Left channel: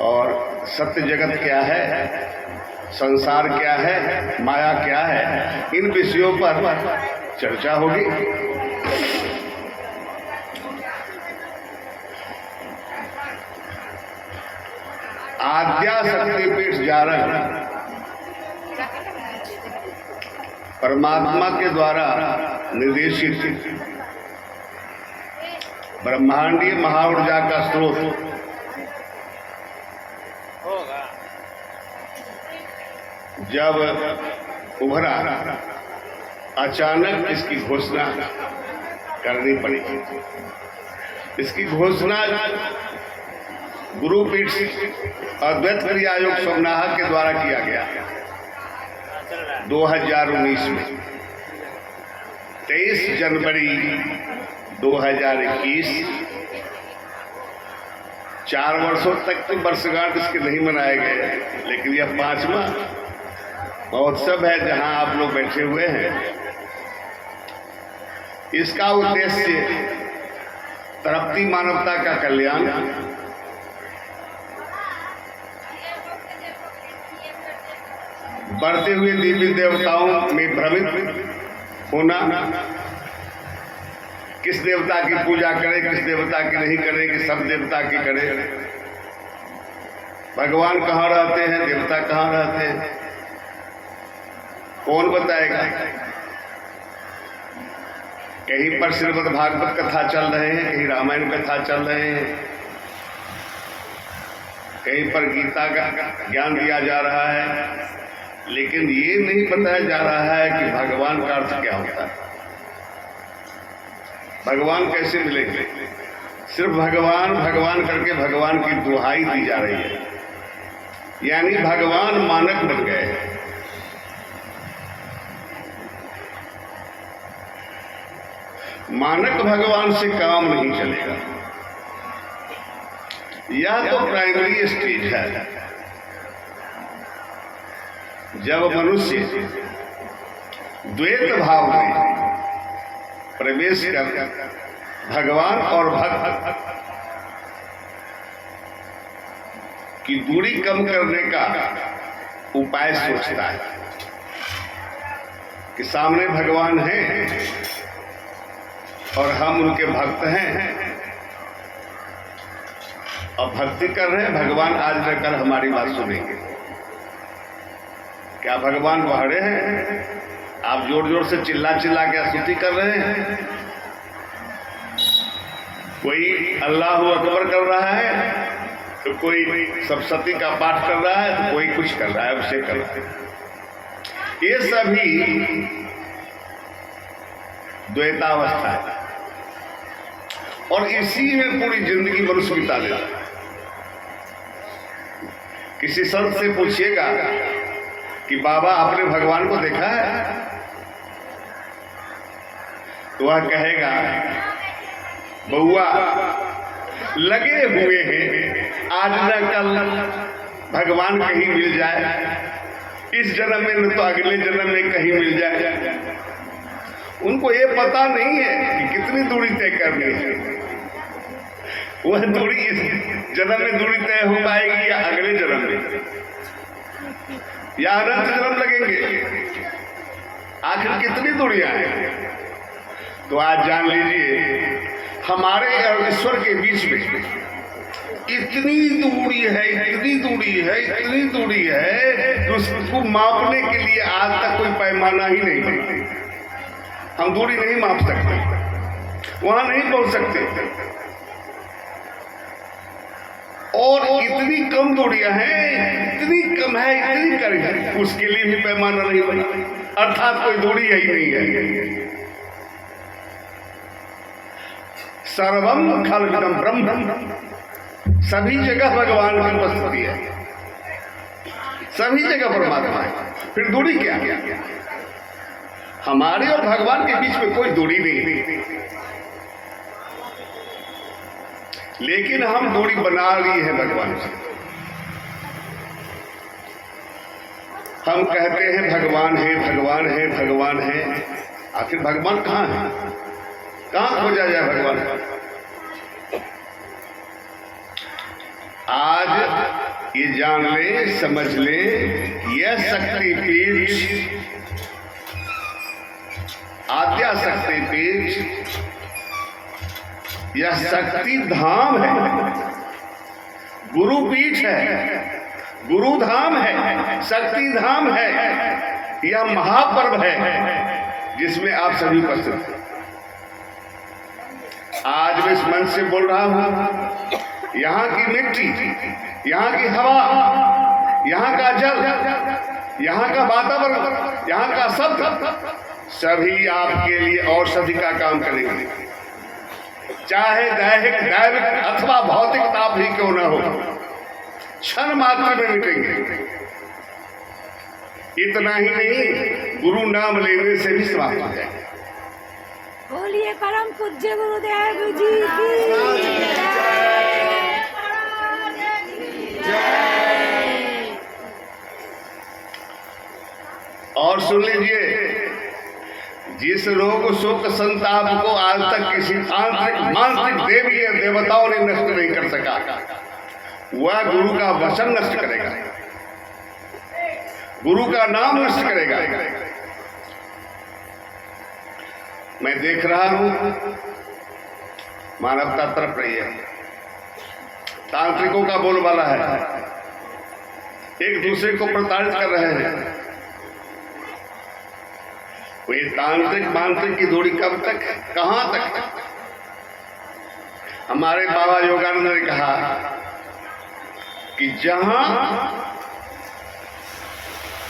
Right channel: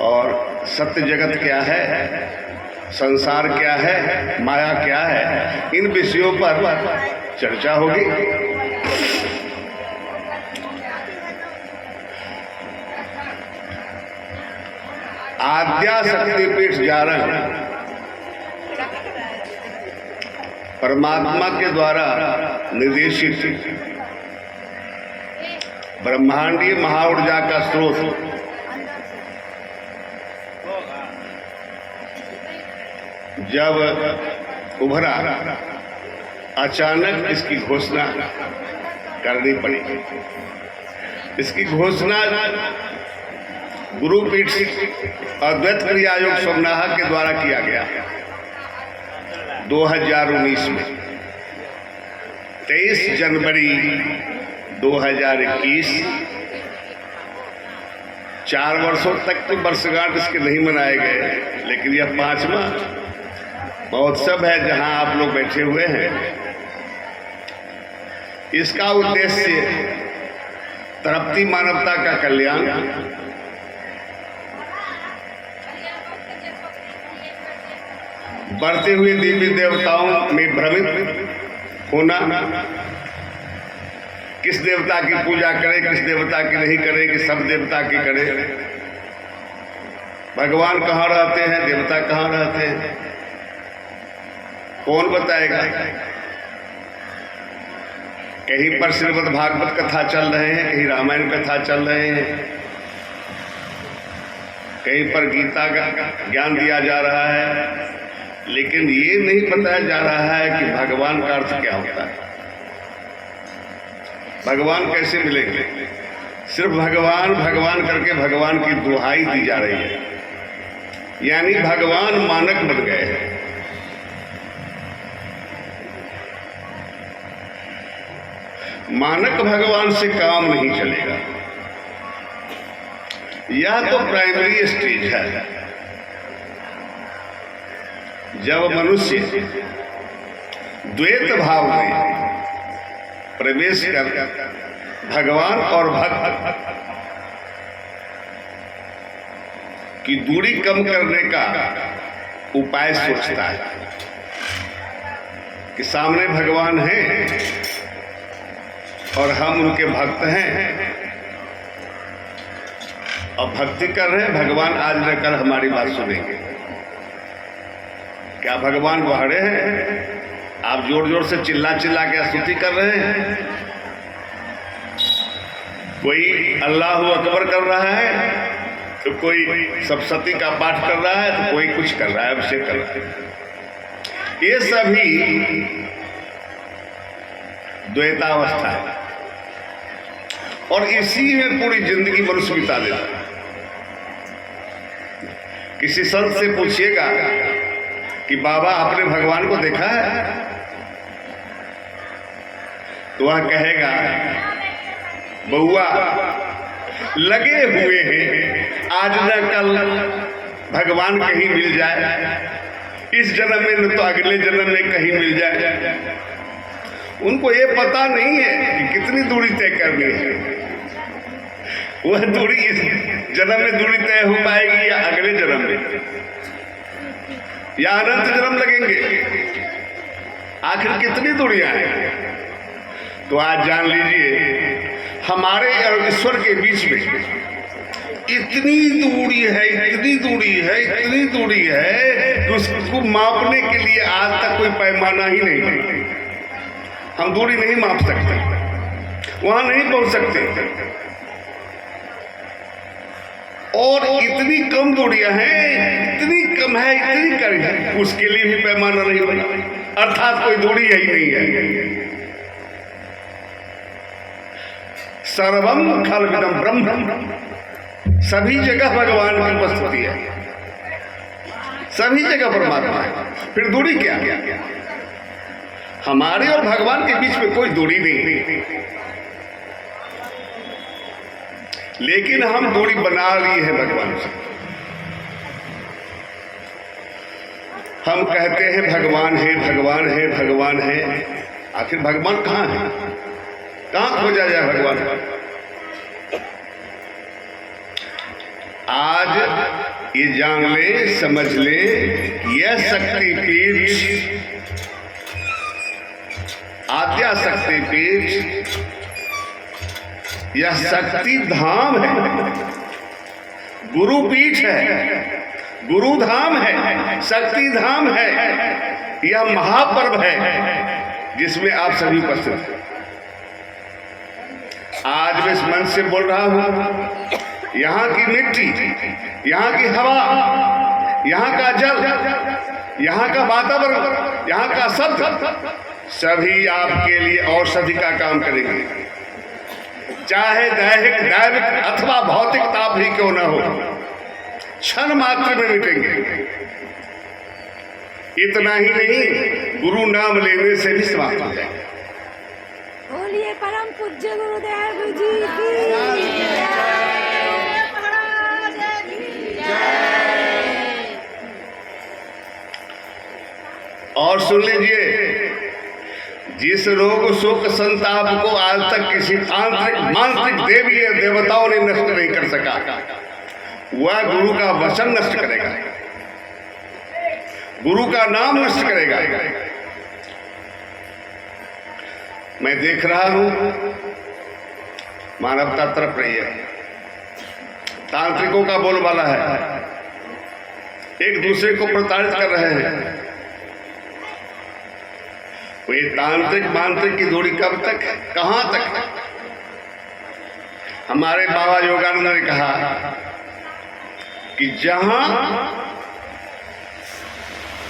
और सत्य जगत क्या है, संसार क्या है, माया क्या है, इन विषयों पर चर्चा होगी। आद्या शक्तिपीठ जारण परमात्मा के द्वारा निर्देशित ब्रह्मांडीय महाऊर्जा का स्रोत जब उभरा, अचानक इसकी घोषणा करनी पड़ी। इसकी घोषणा गुरुपीठ अद्वैत क्रियायोग सोमनाहा के द्वारा किया गया 2019 में। 23 जनवरी 2021। 4 वर्षों तक तो वर्षगांठ इसके नहीं मनाए गए, लेकिन यह 5वां महोत्सव है जहां आप लोग बैठे हुए हैं। इसका उद्देश्य तड़पती मानवता का कल्याण, बढ़ते हुए देवी देवताओं में भ्रमित होना, किस देवता की पूजा करें, किस देवता की नहीं करें, कि सब देवता की करें। भगवान कहाँ रहते हैं, देवता कहाँ रहते हैं, कौन बताएगा। कहीं पर श्रीमद् भागवत कथा चल रहे हैं, कहीं रामायण कथा चल रहे हैं, कहीं पर गीता का ज्ञान दिया जा रहा है, लेकिन ये नहीं बताया जा रहा है कि भगवान का अर्थ क्या होता है, भगवान कैसे मिलेंगे। सिर्फ भगवान भगवान करके भगवान की दुहाई दी जा रही है, यानी भगवान मानक बन गए हैं। मानक भगवान से काम नहीं चलेगा। यह तो प्राइमरी स्टेज है। जब मनुष्य द्वैत भाव में प्रवेश कर भगवान और भक्त की दूरी कम करने का उपाय सोचता है कि सामने भगवान हैं और हम उनके भक्त हैं और भक्ति कर रहे हैं, भगवान आज न कल हमारी बात सुनेंगे। क्या भगवान बहरे हैं? आप जोर जोर से चिल्ला चिल्ला के स्तुति कर रहे हैं। कोई अल्लाह अकबर कर रहा है, तो कोई सप्तशती का पाठ कर रहा है, तो कोई कुछ कर रहा है, अभिषेक कर रहा है। ये सभी द्वैतावस्था है और इसी में पूरी जिंदगी मनुष्य बिता देता है। किसी संत से पूछिएगा कि बाबा आपने भगवान को देखा है, तो वह कहेगा बउआ लगे हुए हैं, आज न कल भगवान कहीं मिल जाए, इस जन्म में न तो अगले जन्म में कहीं मिल जाए। उनको ये पता नहीं है कि कितनी दूरी तय करनी है। वह दूरी इस जन्म में दूरी तय हो पाएगी या अगले जन्म में, या अनंत जन्म लगेंगे। आखिर कितनी दूरियां हैं? तो आज जान लीजिए हमारे और ईश्वर के बीच में इतनी दूरी है, इतनी दूरी है, इतनी दूरी है कि उसको मापने के लिए आज तक कोई पैमाना ही नहीं। हम दूरी नहीं माप सकते, वहां नहीं पहुंच सकते। और इतनी कम दूरियां हैं, इतनी कम है, इतनी कम है, उसके लिए भी पैमाना नहीं बना, अर्थात कोई दूरी ही नहीं है। सर्वम खलविदं ब्रह्म, सभी जगह भगवान की उपस्थिति है, सभी जगह परमात्मा है। फिर दूरी क्या? हमारे और भगवान के बीच में कोई दूरी नहीं, लेकिन हम दूरी बना ली है भगवान से। हम कहते हैं भगवान है, भगवान है, भगवान है। आखिर भगवान कहाँ है? कहाँ खोजा जाए भगवान? आज ये जान ले, समझ ले, यह शक्तिपीठ, आद्या शक्तिपीठ, यह शक्ति धाम है, गुरुपीठ है, गुरुधाम है, शक्ति धाम है। यह महापर्व है जिसमें आप सभी उपस्थित हैं। आज मैं इस मंच से बोल रहा हूं, यहाँ की मिट्टी, यहाँ की हवा, यहाँ का जल, यहाँ का वातावरण, यहाँ का शब्द सभी आपके लिए औषधि का काम करेंगे, चाहे दैविक अथवा भौतिक ताप ही क्यों न हो, क्षण मात्र में मिटेंगे। इतना ही नहीं, गुरु नाम लेने से भी समाप्त हो जाएंगे। बोलिए परम पूज्य गुरुदेव जी की जय। और सुन लीजिए, जिस रोग शोक संताप को आज तक किसी तांत्रिक मांत्रिक देवी या देवताओं ने नष्ट नहीं कर सका, वह गुरु का वचन नष्ट करेगा, गुरु का नाम नष्ट करेगा। मैं देख रहा हूं मानवता तरफ रही है, तांत्रिकों का बोलबाला है, एक दूसरे को प्रताड़ित कर रहे हैं। वो ये तांत्रिक मांत्रिक की दूरी कब तक है, कहां तक है? हमारे बाबा योगानंद ने कहा कि जहां